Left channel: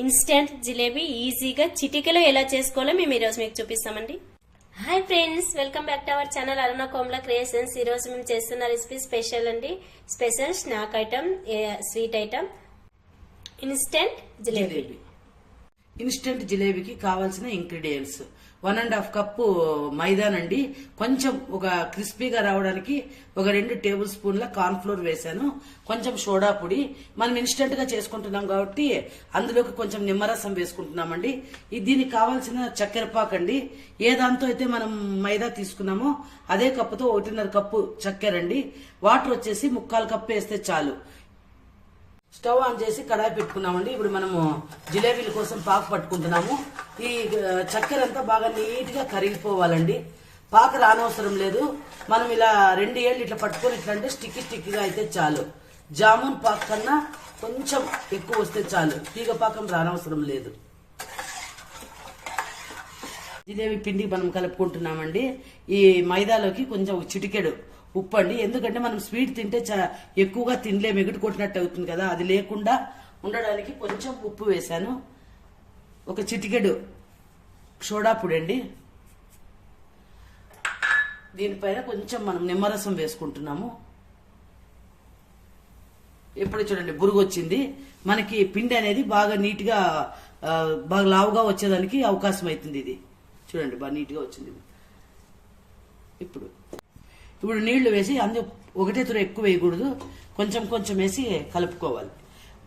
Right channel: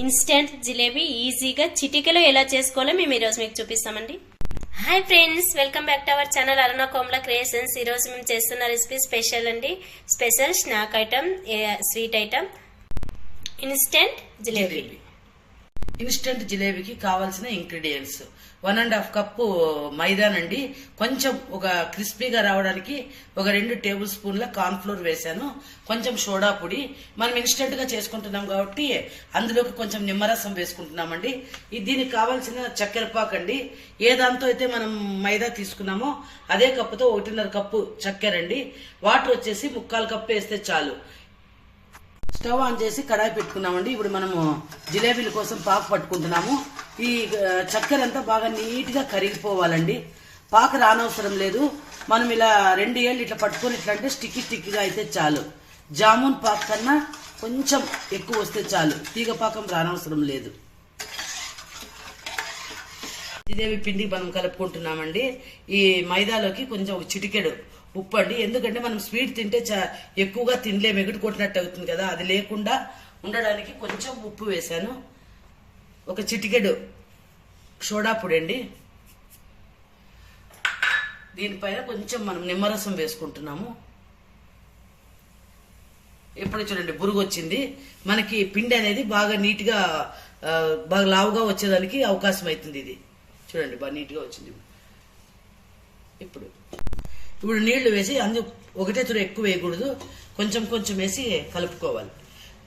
Instant jalebi ఈజీగా చిటికెలో ఎలా చేసుకోవాలో మేము ఈరోజు మీకు చూపిస్తామండి. Hi friends, welcome back to our channel Aruna Komala creations. ఈరోజు మేము చేస్తున్న రెసిపీ స్పెషల్ అండి. Special snack item, sweet item, instant jalebi. Instant జిలేబీకి కావాల్సిన ఇంగ్రీడియంట్స్ 1.5 కప్పు మైదానండి. కొంచెం ఒక క్రిస్పీగా రావడానికి ఒక 2 టేబుల్ స్పూన్ల కార్న్ ఫ్లోర్ వేసాను. కొంచెం సోడా పొడి. మనం ఇన్స్టెంట్ గా చేసుకుంటున్నాం కాబట్టి అందులోకి కొంచెం నిమ్మరసం వేసుకుంటున్నామండి. దీనికి కావాల్సిన చక్కెర పాకు అండి. ఏ దాంతో అయితే మనం మైదా తీసుకున్నామో అదే కప్పుతో 1.5 కప్పు చక్కెర అండి. వాటర్ వచ్చేసి 3/4 కప్పు వేస్తే చాలు. స్టవ్ ఆన్ చేసి కడాయి పెట్టుకున్నామండి. ఇప్పుడు మనము జిలేబీల కోసం పాకు పట్టుకుంటున్నాము. ఈ చక్కెర అంతా బాగా నీట్ గా కరిగిపోవాలండి. పాకు రానవసరం లేదు. మనం ఇలా 2 ఏళ్ళు ఇట్లా పట్టుకొని ఇట్లా అంటే స్టిక్కీగా అయితే చాలు. జామున్ పాకు కన్నా కొంచెం ఎక్కువ వస్తే చాలు. తీగ పాకం రానవసరం లేదు. జిలేబీ పిండి మనం కలుపుకుంటున్నామండి. ఈ మైదాలోకి కొంచెం చిటికెడు ఉప్పు అండి. ఎందుకంటే మనం స్వీట్ తింటే ఎక్కువగా తినలేము, ఎగుడు కొట్టినట్టు అవుతుంది కదా. అది లేకుండా ఉండడానికి కొంచెం ఉప్పు వేసాను. ఒక చిటికెడు సోడా పొడి అండి. దీనిపైన కొంచెం మనం నిమ్మరసం వేసుకుంటున్నాము. ఎప్పుడు చూడండి బురుగు వచ్చింది. మనకి పిండి అనేది బాగా నీట్ గా బాగా లావుగా వచ్చేదానికి అవకాశం అవుతుంది. ఇది చూడండి బాగా నీట్ గా వచ్చింది. ఇప్పుడు నీళ్లు వేసి ఒకటే తుర ఎక్కువ వేయకూడదు, కొంచెం కొంచెం వేసి కలుపుకోవాలి.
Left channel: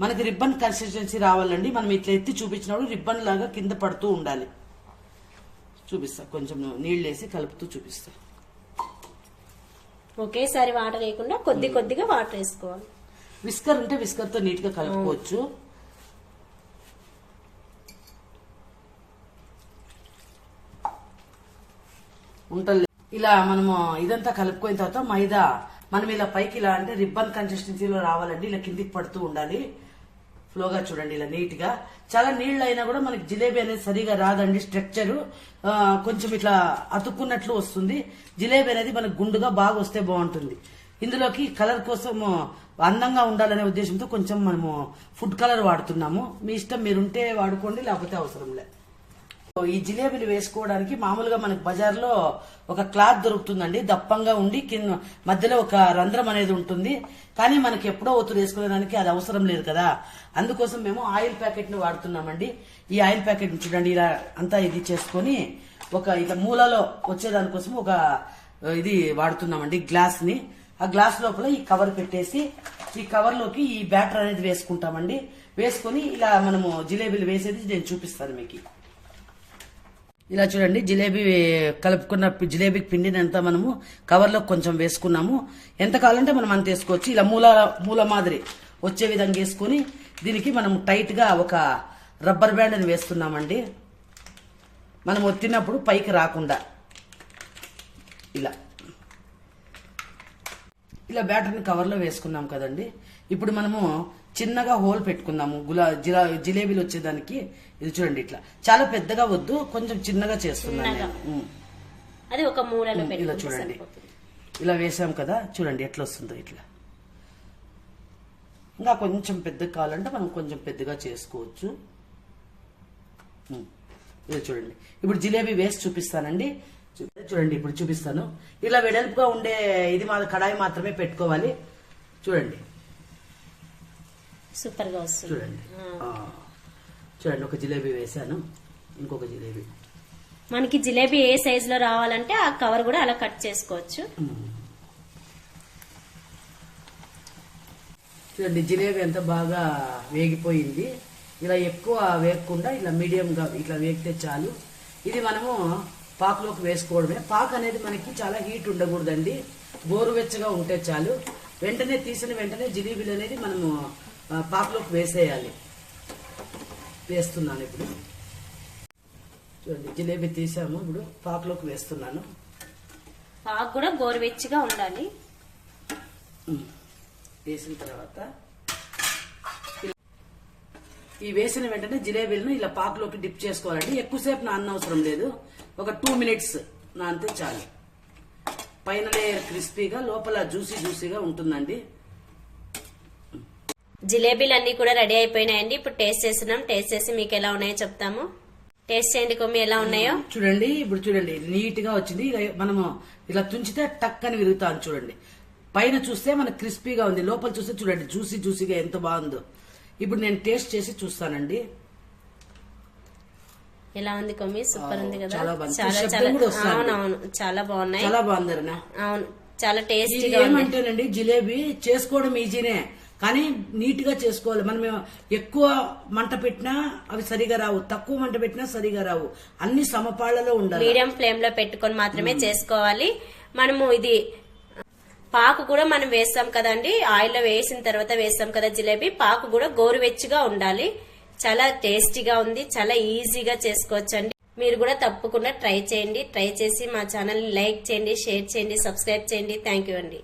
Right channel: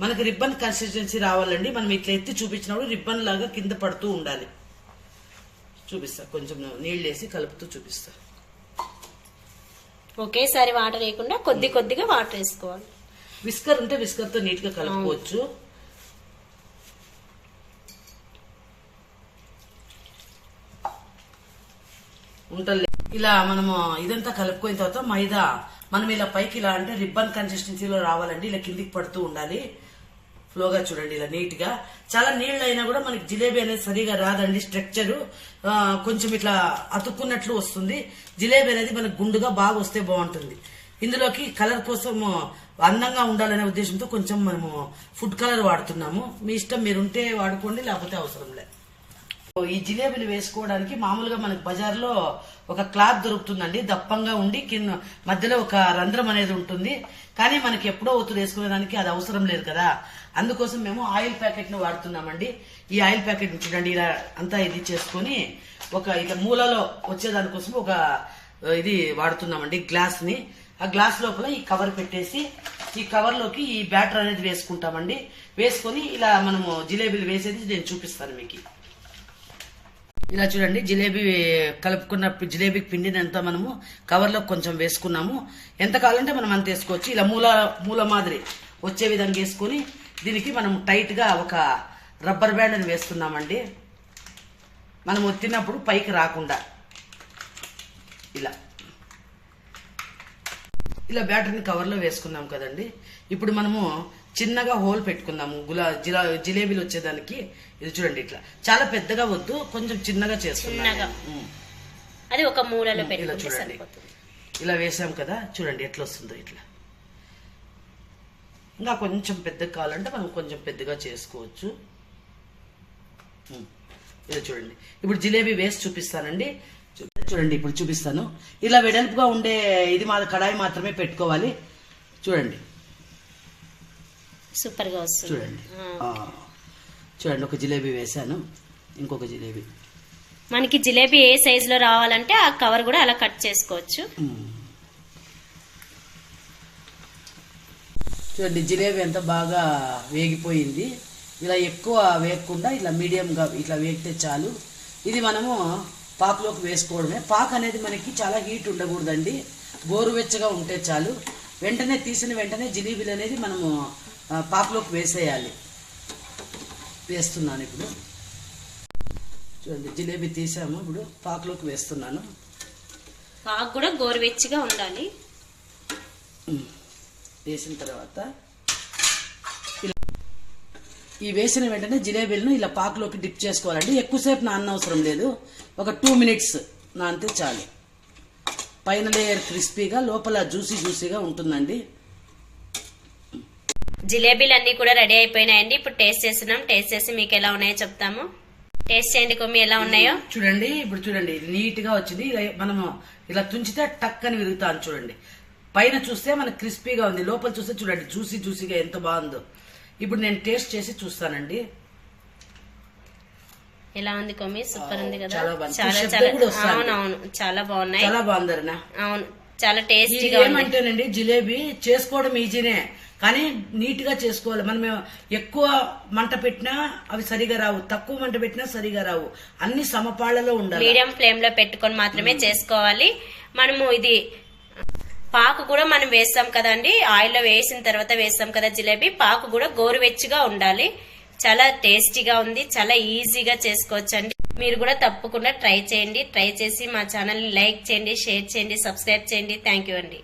మనకు రిబ్బన్ కన్సిస్టెన్సీ రావాలండి. మనం ఇట్లా ఎత్తి చూపించినప్పుడు రిబ్బన్ లాగా కింద పడుతూ ఉండాలి. చూపిస్తా, కొంచెం నీళ్లు వేసి కలుపుతూ చూపిస్తా. ఒకేసారి వాటర్ వేయకుండా కొద్ది కొద్దిగా వాటర్ వేసుకోవాలి. విస్కర్ ఉంటే విస్కర్ తో నీట్ గా కలుపుకోవచ్చు. ఉంటలే ఇలా మనము ఇదంతా కలుపుకున్న తర్వాత మైదా మనం ఇలా పైకి ఇలా అంటే రిబ్బన్ కన్సిస్టెన్సీలో రావాలండి. ఇలా కిందికి పడుతూ ఉండాలి. ఫ్లోగా చూడండి ఇలా నీట్ గా. చాలా నీళ్లు అయినా కూడా మనకి జిలేబీ అనేది సరిగా రాదండి. స్ట్రక్చర్ కొంచెం ఇట్లా అతుక్కున్నట్లు వస్తుంది. జిలేబీ అనేది మనకు గుండుగా బాగా వస్తే బాగుంటుంది. ఇందులోకి కలర్ కోసం అందంగా ఉండాలనే ఉద్దేశంతో కొంచెం మనము ఫుడ్ కలర్ వాడుతున్నాము. మీ ఇష్టం, మీరుంటే వాడుకోండి, లేకపోతే అవసరం లేదు. ఈ జిలేబీలు వేసుకోవడానికి మామూలుగా మనకు బజార్లో ఒక క్లాత్ దొరుకుతుందండి. దప్పంగా ఉండి కింద మధ్యలో ఒక రంధ్రం అనేది ఉంటుంది. కానీ మనకి ఎప్పుడో ఒత్తులు వేసుకునేదానికి అది అవసరం లేదు కదా. అందుకోసం మేము ఆయిల్ ప్యాకెట్ ని వాడుతున్నామండి. ఈ ఆయిల్ ప్యాకెట్ ని చూడండి ఇలా అంతా ఇది చేసుకుని ఒక ఇక మూలలో వచ్చేదానికోసం ఒక ఇది వాడుతున్నామండి, గ్లాస్ ని. ఆ గ్లాస్ లోపల ఈ కవర్ పెట్టేసి ఈ కవర్ లోకి ఈ బ్యాటర్ అనేది వేసుకుంటామండి. వేసుకుని ఇలా మనము జిలేబీలు వేసేది నేను చూపిస్తాను మీకు. ఇలా చూడండి, జిలేబీ కలుపుకున్న జిలేబీ పిండిని అంతా మనము కవర్లో కొంచెం వేసుకున్నాము. ఎంత కావాలంటే మనం అంత వేసుకోవచ్చు. ఇలా మూల మాదిరి వచ్చే విధంగా వేసుకుని దీనికి మనం టైట్ గా ఒక రబ్బర్ బ్యాండ్ అని వేసుకున్నామండి. మనం ఒత్తినప్పుడు పైకి రాకుండా ఇలా బ్యాటర్ని కవర్లో వేసుకున్నాం కదండి. ఇప్పుడు మనము చిన్నగా హోల్ పెట్టుకుందాము జిలేబీలు వచ్చేదానికి. ఇది చూడండి ఇట్లా చాలా పెద్దగా వద్దు, కొంచెం చిన్నగా చేసుకున్నాము. అది ఒక మూలలో ఇలా చూడండి, ఇలా వేసాం కదా. చూడండి ఎట్లా వస్తుందో ఇట్లా. ఇంకా కొంచెం పెద్దగా కావాలంటే మనం కొంచెం పెద్దగా చేసుకోవచ్చు. ఇలా చూడండి, ఇప్పుడు జిలేబీ వేసి చూపిస్తానండి. చూడండి ఇప్పుడు చూపిస్తాను. ఇలా వెడల్పుగా ఉండే ఇది కడాయి మాత్రమే పెట్టుకోవాలి. చూడండి సూపర్ గా వస్తుంది. చూడండి ఒక జిలేబీ వేసాను, ఇంకొక జిలేబీ. మనకి జిలేబీ ఏ సైజ్ లో రావాలంటే ఆ కవర్ కూడా అలా కట్ చేసుకోవచ్చు. చూడండి జిలేబీ ఎంత బాగా వేగిపోయింది. ఇలా ఎక్కువ వేగకుండా ఇలా మీడియంగా ఇట్లా వేగితే చాలు. ఇది మనము పాకులోకి వేసుకోవడమే. పాకు అనేది మనకి చాలా హీట్ ఉండకూడదండి, గోరువెచ్చగా ఉంటే చాలు. వెంటనే తీసిన వెంటనే జిలేబీలు అనేది మనము పాకులోకి వేసేయాలి. వేస్తున్నాను ఇప్పుడు. చూడండి జిలేబీ తీసాము, ఇప్పుడు పాకులోకి వేస్తున్నాను. పాకు కూడా గోరువెచ్చగా ఉండాలి. వేసిన తర్వాత ఈ వేసిన వెంటనే జిలేబీలను ఇలా పాకులోకి డిప్ చేసుకోవాలండి. ఎక్కువసేపు నానవసరం లేదు, ఒక 2 మినిట్స్ నానితే చాలు. పైన లేయర్ క్రిస్పీగా, లోపల జ్యూసీగా ఉంటుందండి. జిలేబీలు అన్ని కూడా రెడీ అయిపోయినాయండి. ఇప్పుడు టేస్ట్ చేస్తున్నాం. టేస్ట్ చేసి మీకు ఎలా ఉన్నాయో చెప్తాము. టేస్ట్ చేయండి కొమ్మి, ఎలా ఉన్నాయో చూడండి. ఇప్పుడు చూడండి నీట్ గా వచ్చింది. మనము ఇలా తుంచితే టక్ అని విరుగుతాను. చూడండి పైన చూస్తే మనకు క్రిస్పీగా ఉంది, లోపల చూస్తే చూడండి జ్యూసీగా ఎంత బాగుందో. ఇప్పుడు నేను టేస్ట్ చేసి చూస్తానండి. ఎలా ఉంది కొమ్మి? సూపర్ ఉంది కదా. చాలా బాగుంది. చాలా శబ్దం చాలా కూడా వస్తుంది. అవునవును, చాలా బాగున్నాయి. చాలా బాగుంది అరుణ. అవును, చాలా టేస్టీగా ఉంది. ఏమంటేనండి జిలేబీ చేసుకోవడం ఈజీనే, కానీ నీట్ గా చేసుకోవాలి. మనం ఎక్కువ మంట పెట్టినా అవి సరిగా రావు, తక్కువ మంట పెట్టినా సరిగా రావు. అన్ని సమపాళ్లలో ఉండాలి. మీడియం ఫ్లేమ్ లో పెట్టుకొని మాత్రమే చేసుకోవాలి. మనము ఇది పాకు కూడా మనం వేస్తాం కదండి, ఆయిల్ లో వేసిన తర్వాత వేస్తాం కదా జిలేబీ. పాకు కూడా గోరువెచ్చగా ఉండాలి. చాలా టేస్టీగా ఉంది, చాలా ఈజీగా చేసుకోవచ్చండి. మీరు కూడా తప్పకుండా ట్రై చేయండి. ట్రై చేసి మా ఛానల్ ని లైక్ చేయండి, షేర్ చేయండి, సబ్స్క్రైబ్ చేయండి. థ్యాంక్ యూ అండి.